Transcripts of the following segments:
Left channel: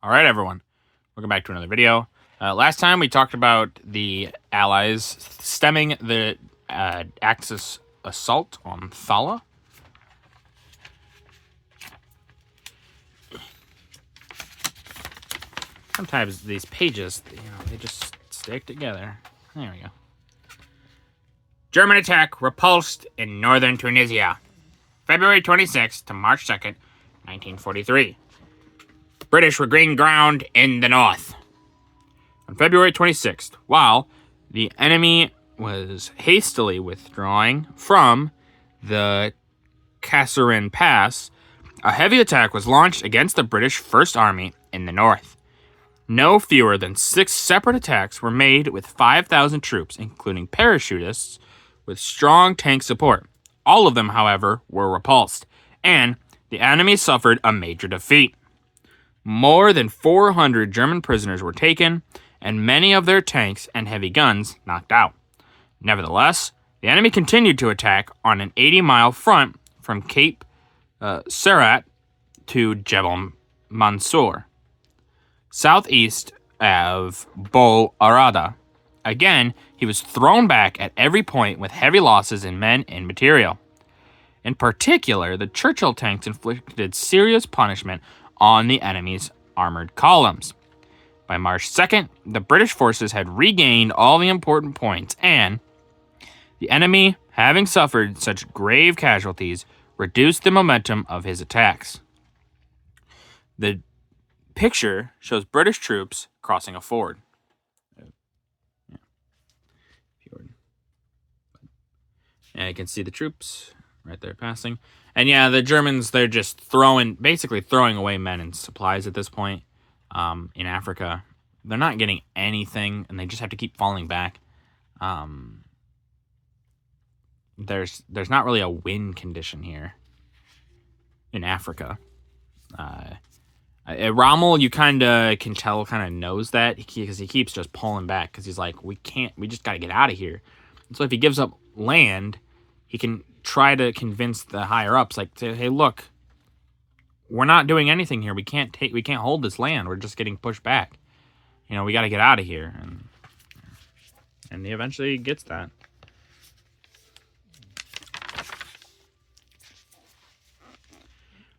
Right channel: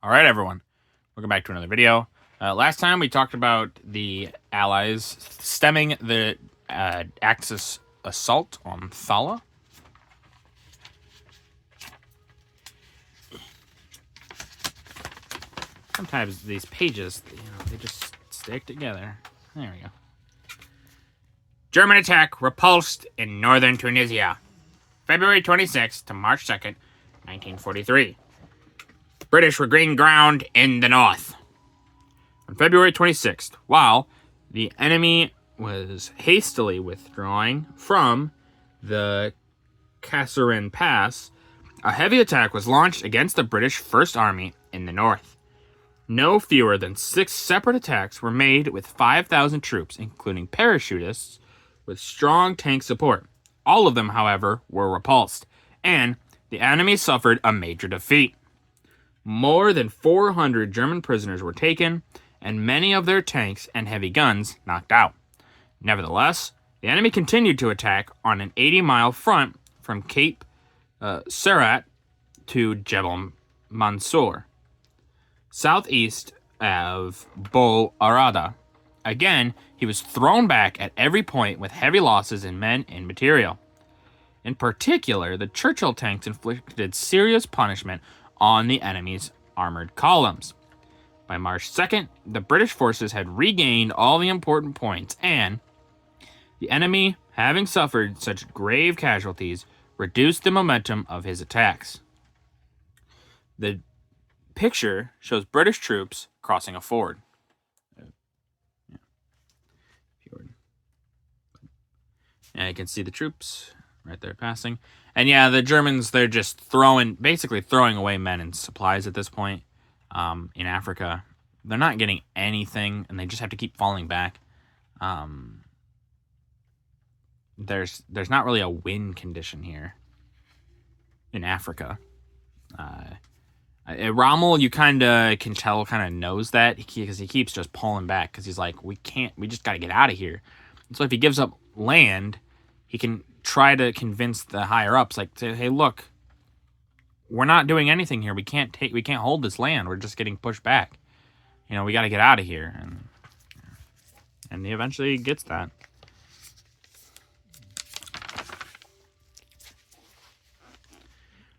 All right, everyone. Welcome back to another video. Last time we talked about the Allies stemming the Axis assault on Thala. Sometimes these pages, they just stick together. There we go. German attack repulsed in northern Tunisia, February 26th to March 2nd, 1943. British regained ground in the north. On February 26th, while the enemy was hastily withdrawing from the Kasserine Pass, a heavy attack was launched against the British First Army in the north. No fewer than 6 separate attacks were made with 5,000 troops, including parachutists, with strong tank support. All of them, however, were repulsed, and the enemy suffered a major defeat. More than 400 German prisoners were taken, and many of their tanks and heavy guns knocked out. Nevertheless, the enemy continued to attack on an 80-mile front from Cape Serat to Jebel Mansour, southeast of Bou Arada. Again, he was thrown back at every point with heavy losses in men and material. In particular, the Churchill tanks inflicted serious punishment on the enemy's armored columns. By March 2nd, the British forces had regained all the important points, and the enemy, having suffered such grave casualties, reduced the momentum of his attacks. The picture shows British troops crossing a ford. And you can see the troops right there passing. And yeah, the Germans, they're just basically throwing away men and supplies at this point in Africa. They're not getting anything, and they just have to keep falling back. There's not really a win condition here in Africa. Rommel, you kind of can tell, kind of knows that because he keeps just pulling back because he's like, we just got to get out of here. And so if he gives up land, he can try to convince the higher ups, like, hey, look, we're not doing anything here. We can't hold this land. We're just getting pushed back. We got to get out of here. And he eventually gets that.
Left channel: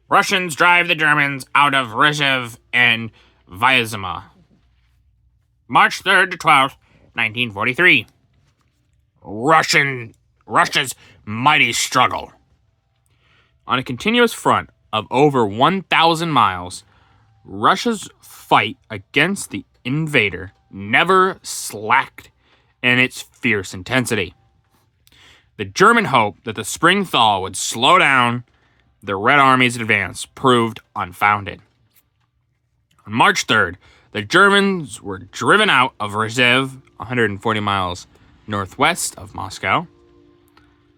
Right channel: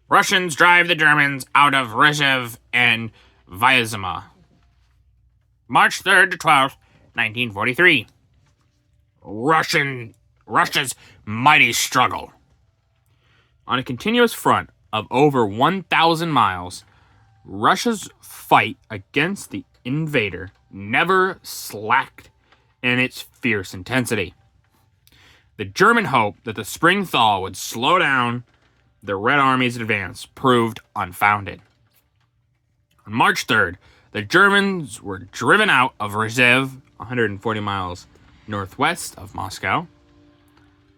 Russians drive the Germans out of Rzhev and Vyazma. March 3rd to 12th, 1943. Russia's mighty struggle. On a continuous front of over 1,000 miles, Russia's fight against the invader never slacked in its fierce intensity. The German hope that the spring thaw would slow down the Red Army's advance proved unfounded. On March 3rd, the Germans were driven out of Rzhev, 140 miles northwest of Moscow,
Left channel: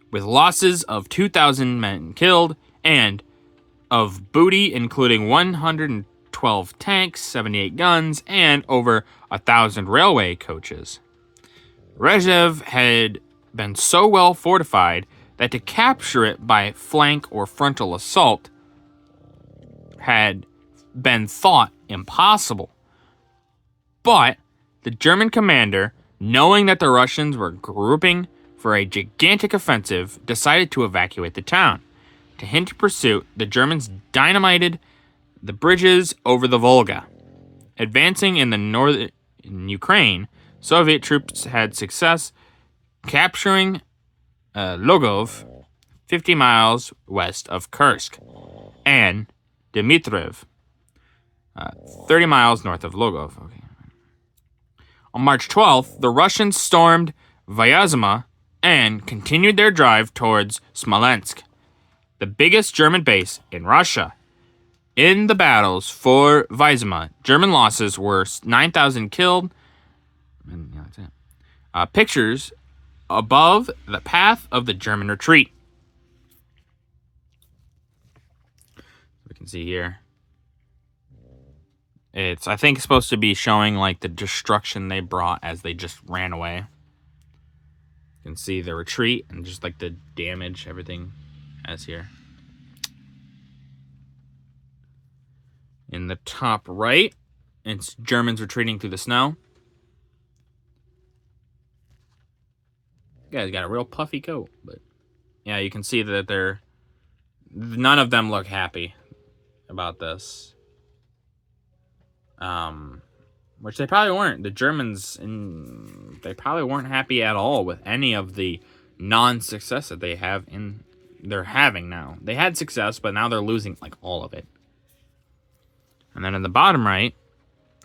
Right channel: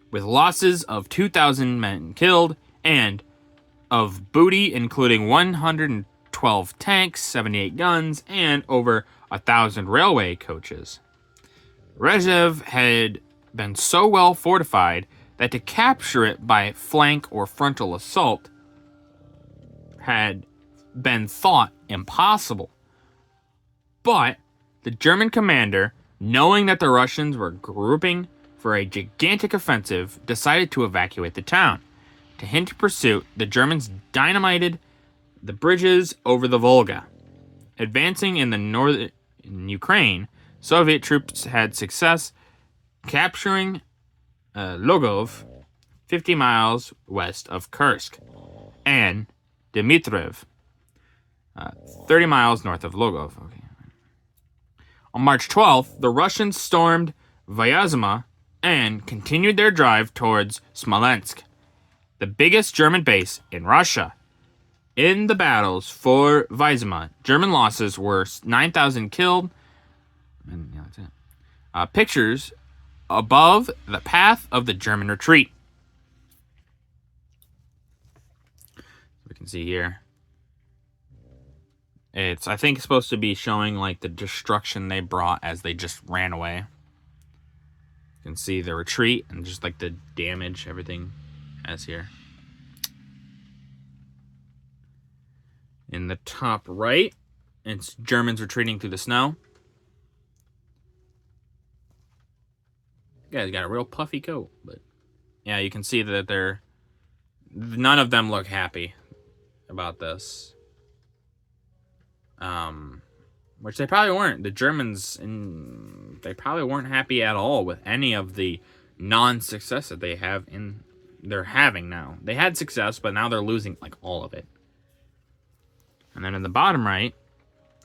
with losses of 2,000 men killed and of booty including 112 tanks, 78 guns, and over 1,000 railway coaches. Rzhev had been so well fortified that to capture it by flank or frontal assault had been thought impossible. But the German commander, knowing that the Russians were grouping for a gigantic offensive, decided to evacuate the town. To hinder pursuit, the Germans dynamited the bridges over the Volga. Advancing in the northern Ukraine, Soviet troops had success capturing Logov, 50 miles west of Kursk, and Dmitriev, 30 miles north of Logov. Okay. On March 12th, the Russians stormed Vyazma and continued their drive towards Smolensk, the biggest German base in Russia. In the battles for Vyazma, German losses were 9,000 killed. And yeah, that's it. Pictures above the path of the German retreat. We can see here. I think it's supposed to be showing like the destruction they brought as they just ran away. You can see the retreat and just like the damage everything has here. In the top right, It's Germans retreating through the snow. Yeah, he's got a real puffy coat, but yeah, you can see that none of them look happy about this. Which they probably weren't. The Germans, they probably weren't happy at all with any of the non-success that they're having now. They had success, but now they're losing like all of it. And then in the bottom right,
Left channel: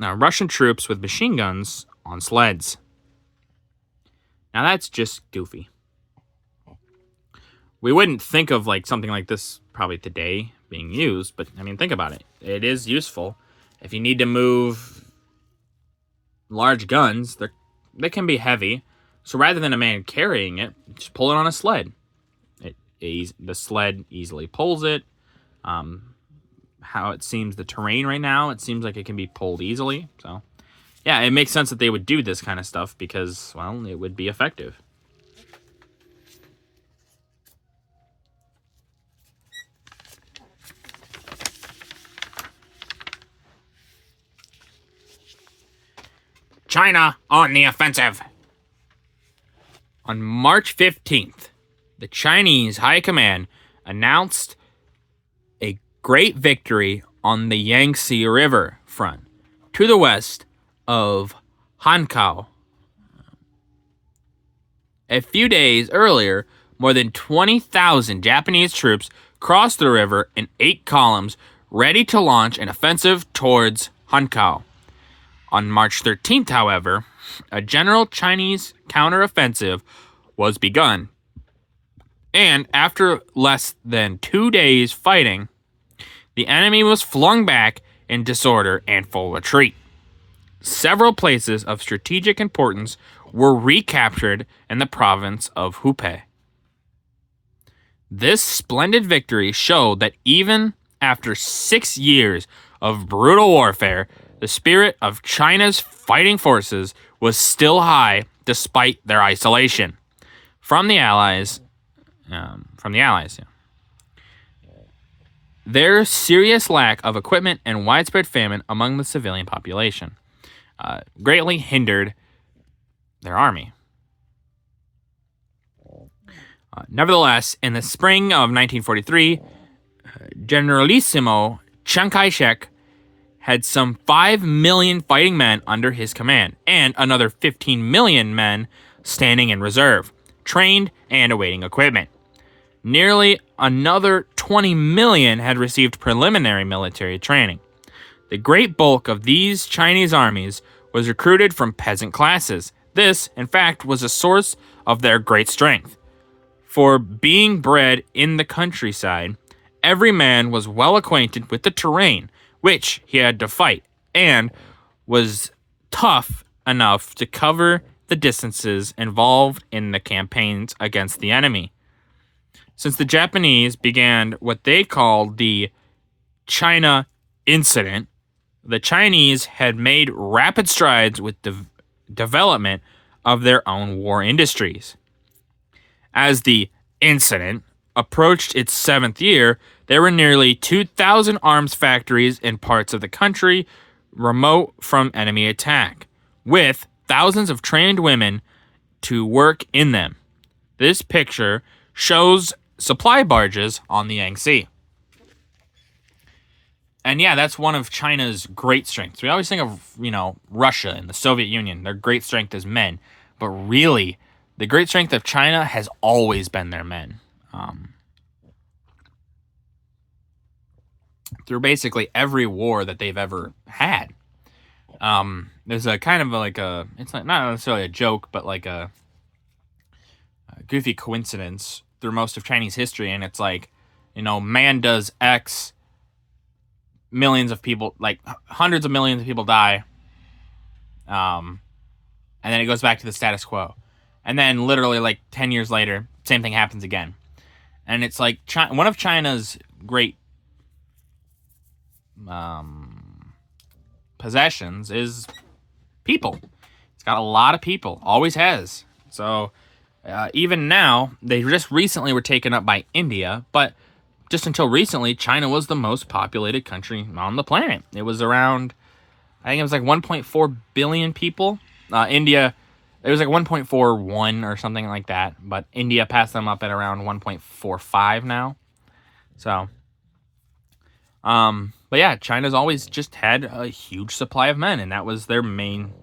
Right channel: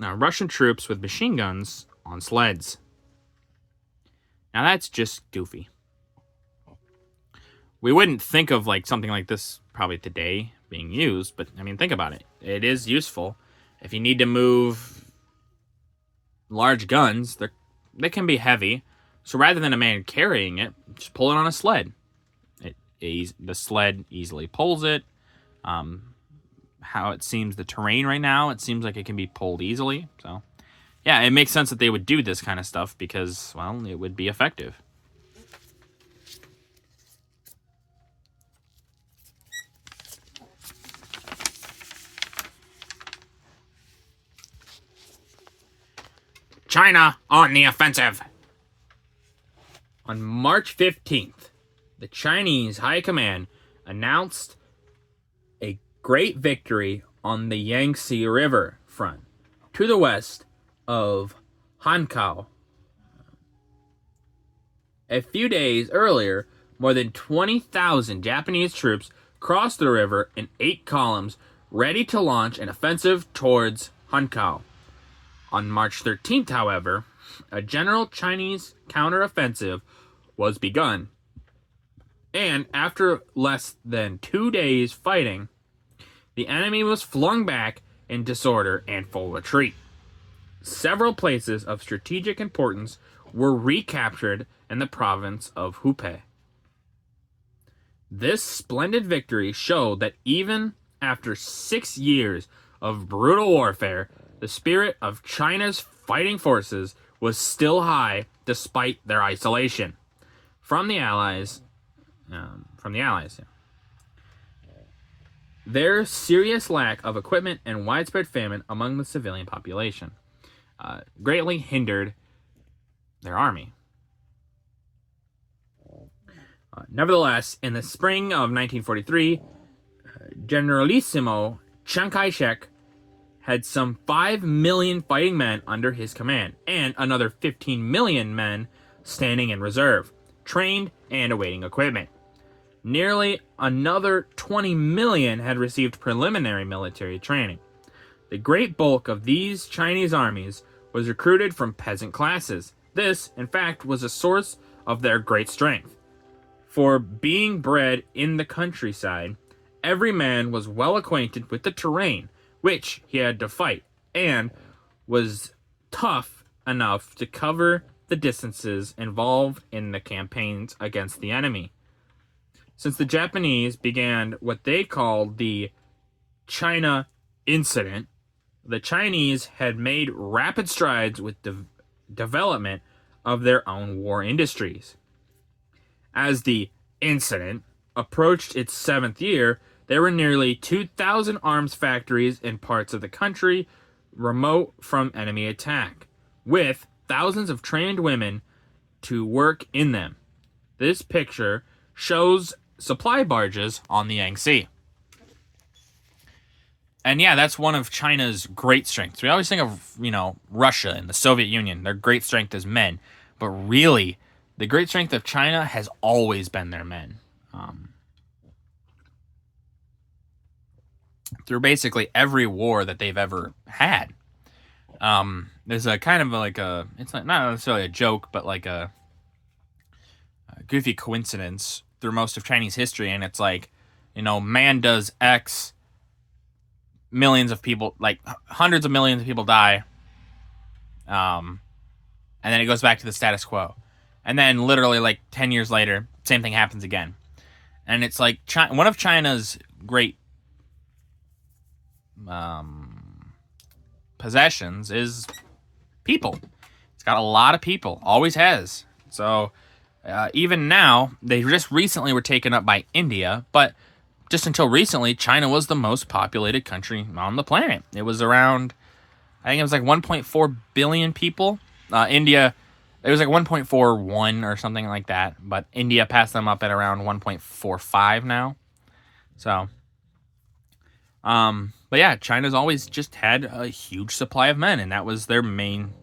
now Russian troops with machine guns on sleds. Now that's just goofy. We wouldn't think of like something like this probably today being used, but I mean, think about it. It is useful. If you need to move large guns, they can be heavy. So rather than a man carrying it, just pull it on a sled. The sled easily pulls it. How it seems the terrain right now, it seems like it can be pulled easily. So yeah, it makes sense that they would do this kind of stuff because, well, it would be effective. China on the offensive. On March 15th, the Chinese High Command announced a great victory on the Yangtze River front to the west of Hankou. A few days earlier, more than 20,000 Japanese troops crossed the river in 8 columns, ready to launch an offensive towards Hankou. On March 13th, however, a general Chinese counteroffensive was begun. And after less than 2 days fighting, the enemy was flung back in disorder and full retreat. Several places of strategic importance were recaptured in the province of Hubei. This splendid victory showed that even after 6 years of brutal warfare, the spirit of China's fighting forces was still high despite their isolation from the Allies. Their serious lack of equipment and widespread famine among the civilian population greatly hindered their army. Nevertheless, in the spring of 1943, Generalissimo Chiang Kai-shek had some 5 million fighting men under his command, and another 15 million men standing in reserve, trained and awaiting equipment. Nearly another 20 million had received preliminary military training. The great bulk of these Chinese armies was recruited from peasant classes. This, in fact, was a source of their great strength. For being bred in the countryside, every man was well acquainted with the terrain which he had to fight, and was tough enough to cover the distances involved in the campaigns against the enemy. Since the Japanese began what they called the China Incident, the Chinese had made rapid strides with the development of their own war industries. As the incident approached its 7th year, there were nearly 2,000 arms factories in parts of the country remote from enemy attack, with thousands of trained women to work in them. This picture shows supply barges on the Yangtze. And yeah, that's one of China's great strengths. We always think of, Russia and the Soviet Union. Their great strength is men. But really, the great strength of China has always been their men. Through basically every war that they've ever had. There's a kind of it's not necessarily a joke, but like a goofy coincidence through most of Chinese history. And it's like, man does X, millions of people, like hundreds of millions of people die. And then it goes back to the status quo. And then literally like 10 years later, same thing happens again. And it's like one of China's great possessions is people. It's got a lot of people, always has. So even now, they just recently were taken up by India, but just until recently, China was the most populated country on the planet. It was around, I think it was like 1.4 billion people. India, it was like 1.41 or something like that. But India passed them up at around 1.45 now. So, but yeah, China's always just had a huge supply of men, and that was their main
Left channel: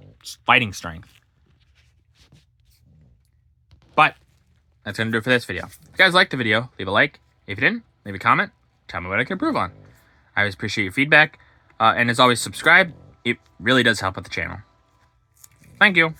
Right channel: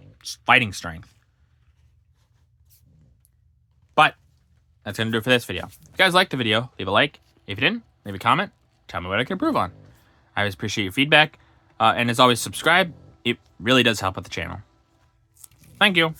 fighting strength. But that's going to do it for this video. If you guys liked the video, leave a like. If you didn't, leave a comment. Tell me what I can improve on. I always appreciate your feedback. And as always, subscribe. It really does help with the channel. Thank you.